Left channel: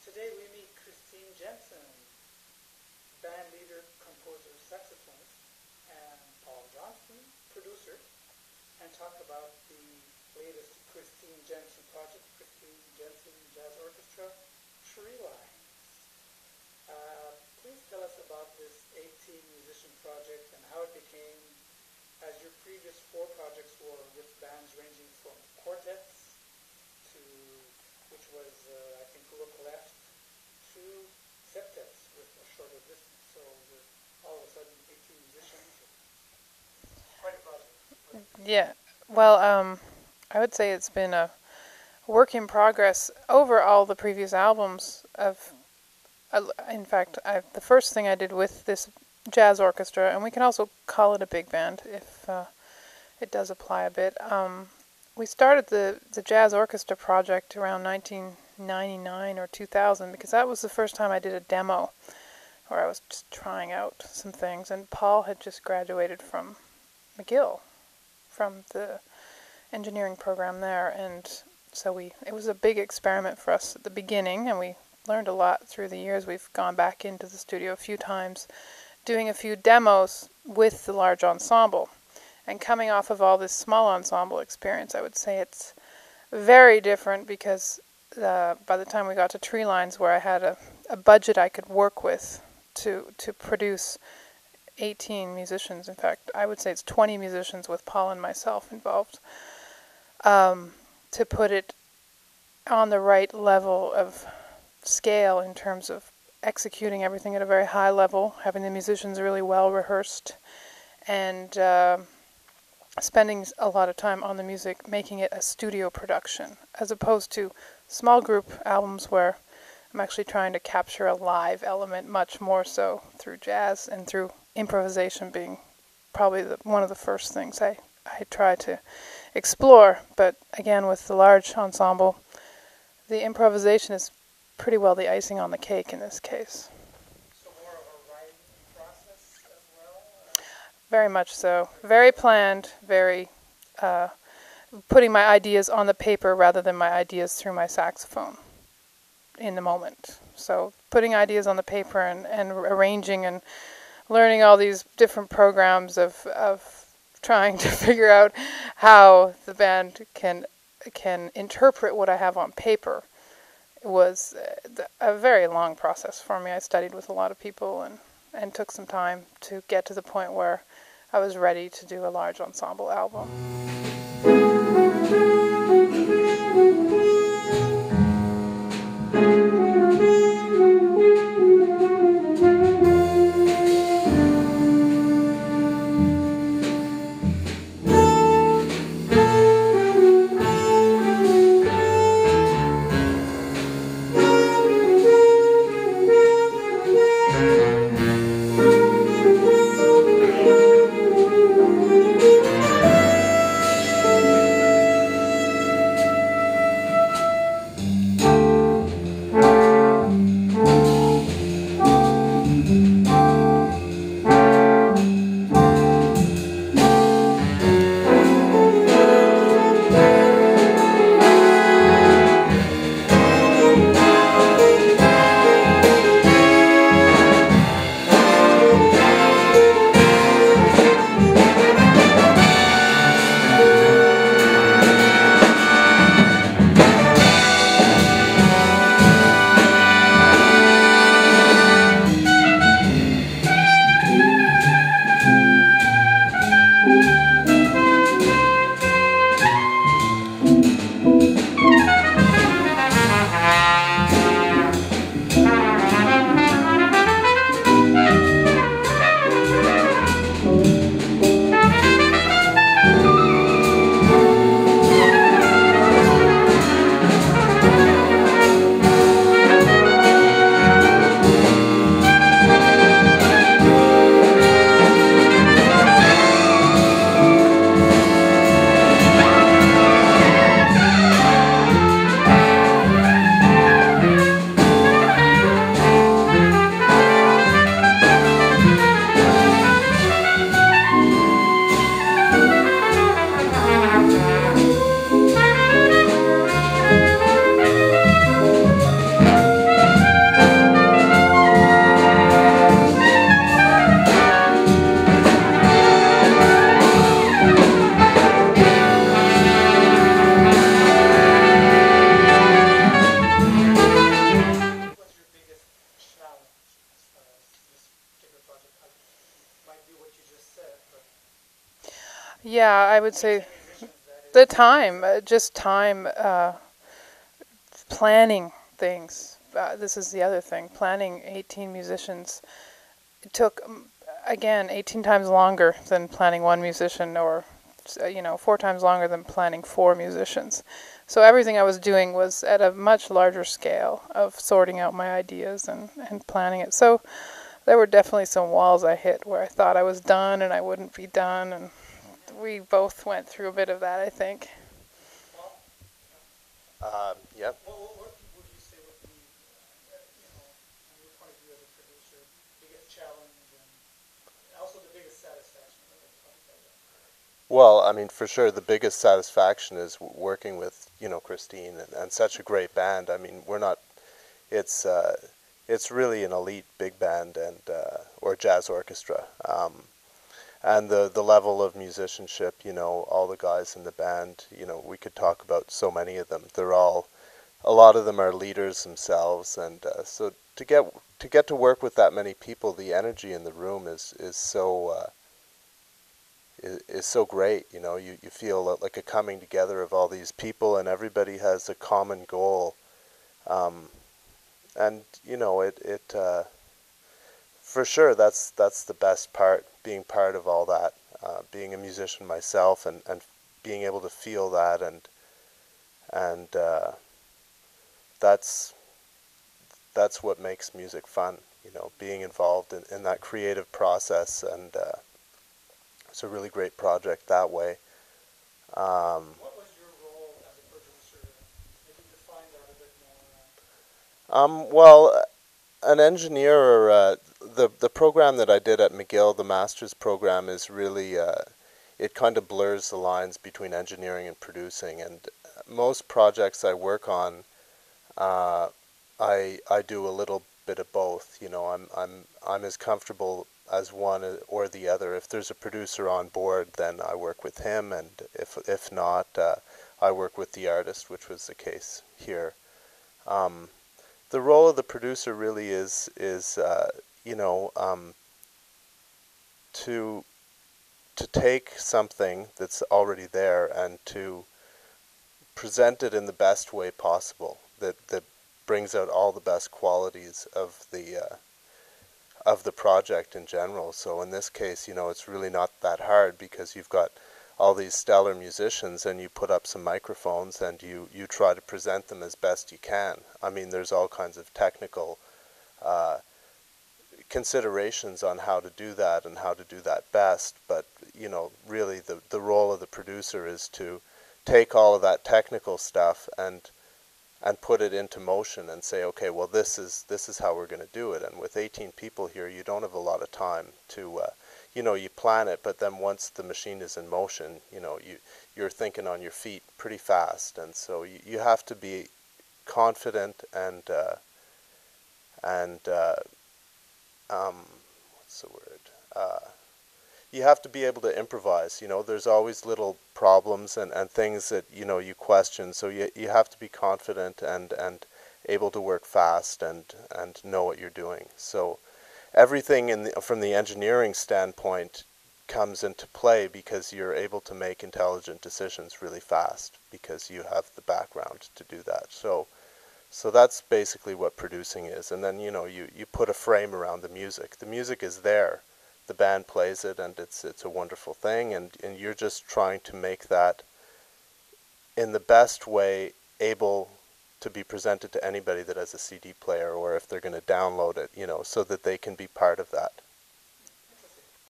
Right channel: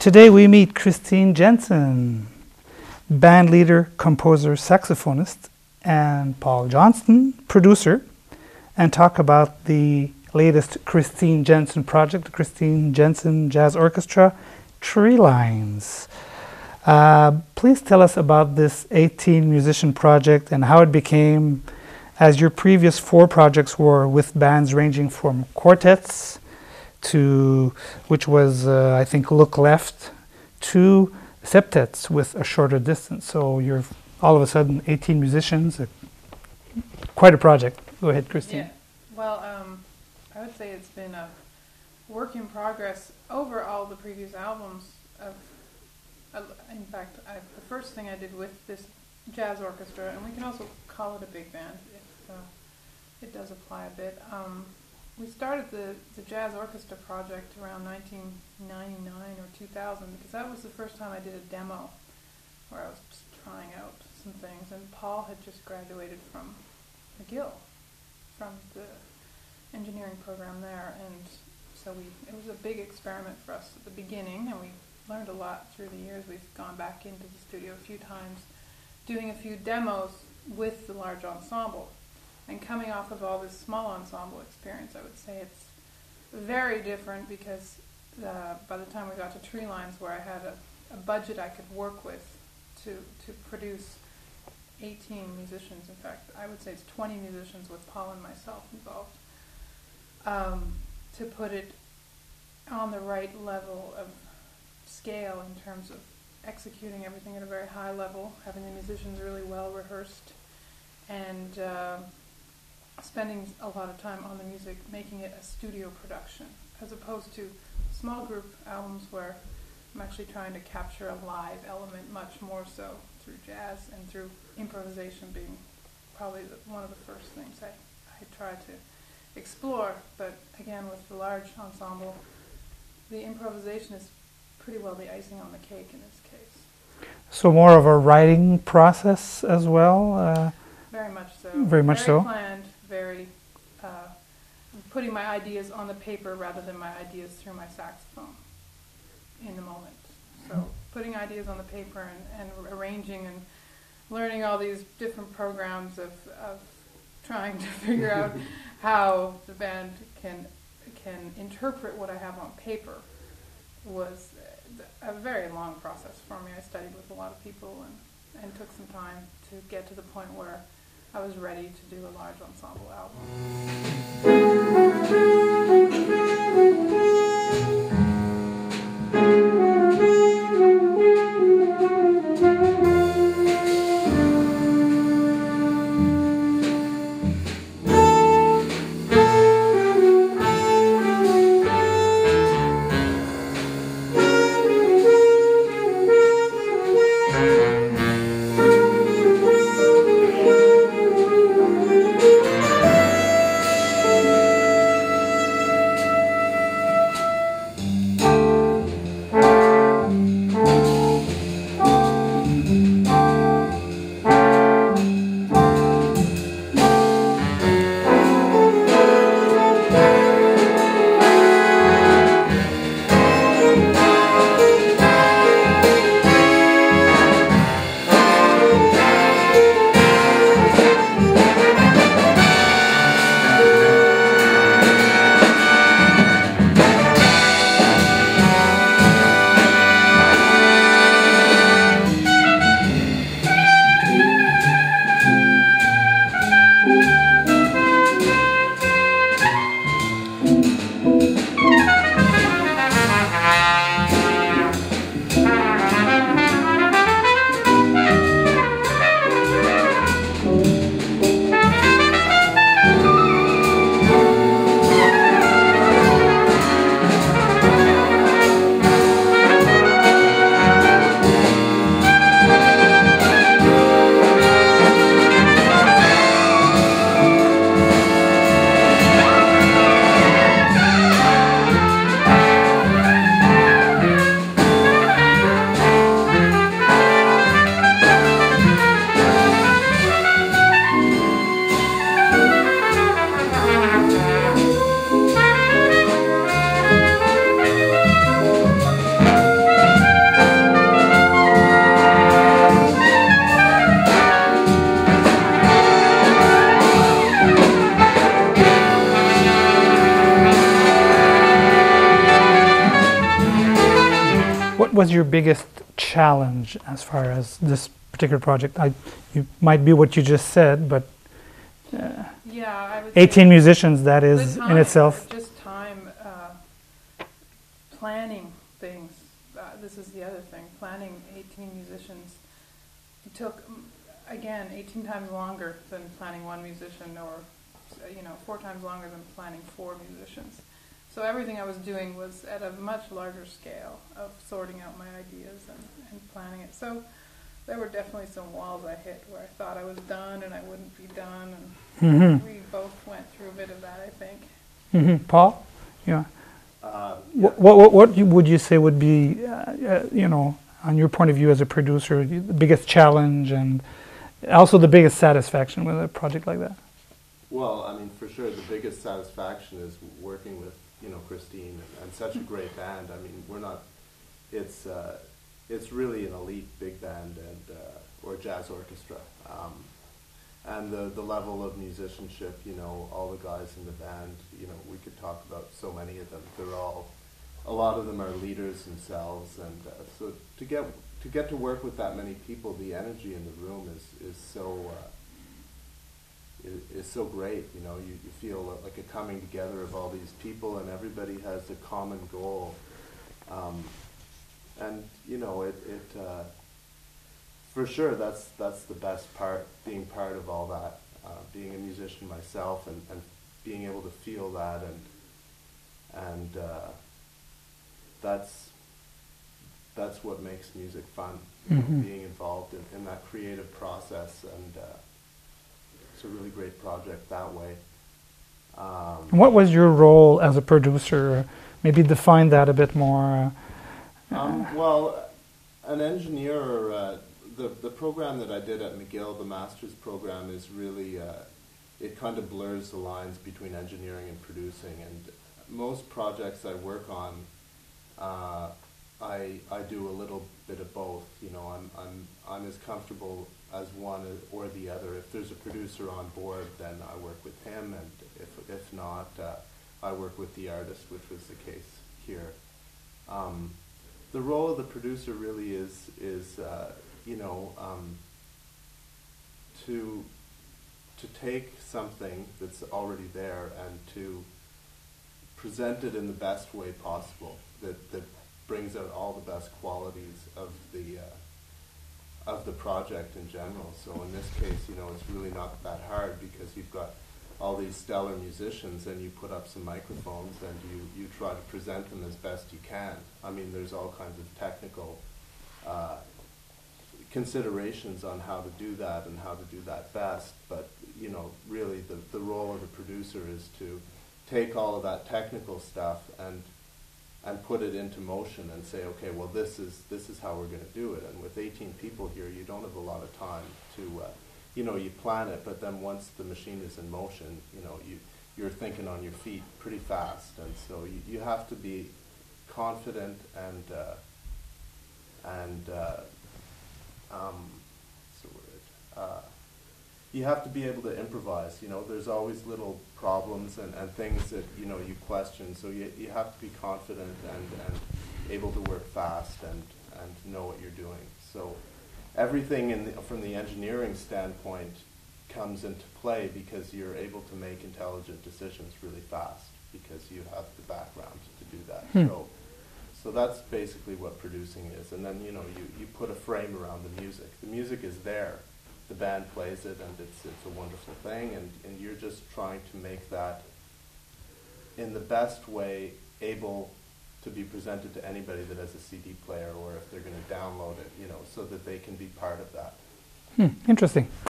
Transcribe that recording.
Today we meet Ingrid Jensen, band leader, composer, saxophonist, and Paul Johnston, producer, and talk about the latest Ingrid Jensen project, the Ingrid Jensen Jazz Orchestra, Treelines. Please tell us about this 18-musician project and how it became, as your previous 4 projects were with bands ranging from quartets to, which was, I think, Look Left, to septets with a shorter distance. So you're all of a sudden 18 musicians, quite a project. Go ahead, Christine. Yeah, well, I would say it's been a work in progress over all the previous albums. In fact, the first thing I did with this jazz orchestra, and we can also call it a big band if it does apply a bit. We started the jazz orchestra project around 1999 or 2000 because that was the first time I did a demo where I was just trying out some things, and Paul had just graduated from McGill, from the engineering program there, and so it was a big experiment for us at the beginning, and we learned a lot through the years. We've gone back into the studio a few times, doing a few demos with the large ensemble. And coming off of all this small ensemble experience, I would say it's very different because by the time we got to Treelines, where I had a budget I could work with to produce 18 musicians, in fact, I would say it's 20 musicians with Paul and myself involved, to put it on the right level of scale in terms of executing everything at a very high level, having the musicians really well rehearsed, and spending a lot of time on the music, making it a studio production, as opposed to small group albums where I'm actually trying to capture a live element much more so through jazz and through improvisation being probably one of the first things I try to explore. But again, with the large ensemble, the improvisation is pretty well the icing on the cake in this case. So more of a writing process as well? Very much so. Very much so. Planned, very putting my ideas on the paper rather than my ideas through my saxophone in the moment. So putting ideas on the paper and arranging and learning all these different programs of trying to figure out how the band can interpret what I have on paper was a very long process for me. I studied with a lot of people and took some time to get to the point where I was ready to do a large ensemble album. was your biggest challenge as far as this particular project? You might be what you just said, but yeah, I would 18 say musicians, that is the time, in itself. just time, planning things. This is the other thing. Planning 18 musicians took, again, 18 times longer than planning one musician, or 4 times longer than planning 4 musicians. So everything I was doing was at a much larger scale of sorting out my ideas and planning it. So there were definitely some walls I hit where I thought I was done and I wouldn't be done, and we both went through a bit of that, I think. Paul? Yeah. Yeah. What would you say would be, on your point of view as a producer, the biggest challenge and also the biggest satisfaction with a project like that? Well, I mean, for sure, the biggest satisfaction is working with, Christine and such a great band. I mean, it's really an elite big band and or jazz orchestra. And the level of musicianship, all the guys in the band, we could talk about so many of them. A lot of them are leaders themselves, and so to get to work with that many people, the energy in the room is so great. You feel like a coming together of all these people, and everybody has a common goal. And for sure, that's the best part, being part of all that, being a musician myself, and being able to feel that, and that's what makes music fun. Being involved in that creative process, and it's a really great project that way. What was your role as a producer? Maybe define that a bit more. Well, an engineer, or the program that I did at McGill, the master's program, is really, it kind of blurs the lines between engineering and producing. And most projects I work on, I do a little bit of both. I'm as comfortable as one or the other. If there's a producer on board, then I work with him, and if not, I work with the artist, which was the case here. The role of the producer really is to take something that's already there and to present it in the best way possible, that brings out all the best qualities of the project in general. So in this case, it's really not that hard, because you've got all these stellar musicians, and you put up some microphones, and you try to present them as best you can. I mean, there's all kinds of technical considerations on how to do that and how to do that best, but really the role of the producer is to take all of that technical stuff and put it into motion and say, okay, well, this is how we're going to do it. And with 18 people here, you don't have a lot of time to, you plan it, but then once the machine is in motion, you're thinking on your feet pretty fast. And so you have to be confident and what's the word? You have to be able to improvise. There's always little problems and things that you question. So you have to be confident and able to work fast and know what you're doing. So everything from the engineering standpoint comes into play, because you're able to make intelligent decisions really fast, because you have the background to do that. So that's basically what producing is. And then you put a frame around the music. The music is there. The band plays it, and it's a wonderful thing, and you're just trying to make that in the best way able to be presented to anybody that has a CD player, or if they're going to download it, so that they can be part of that. Interesting.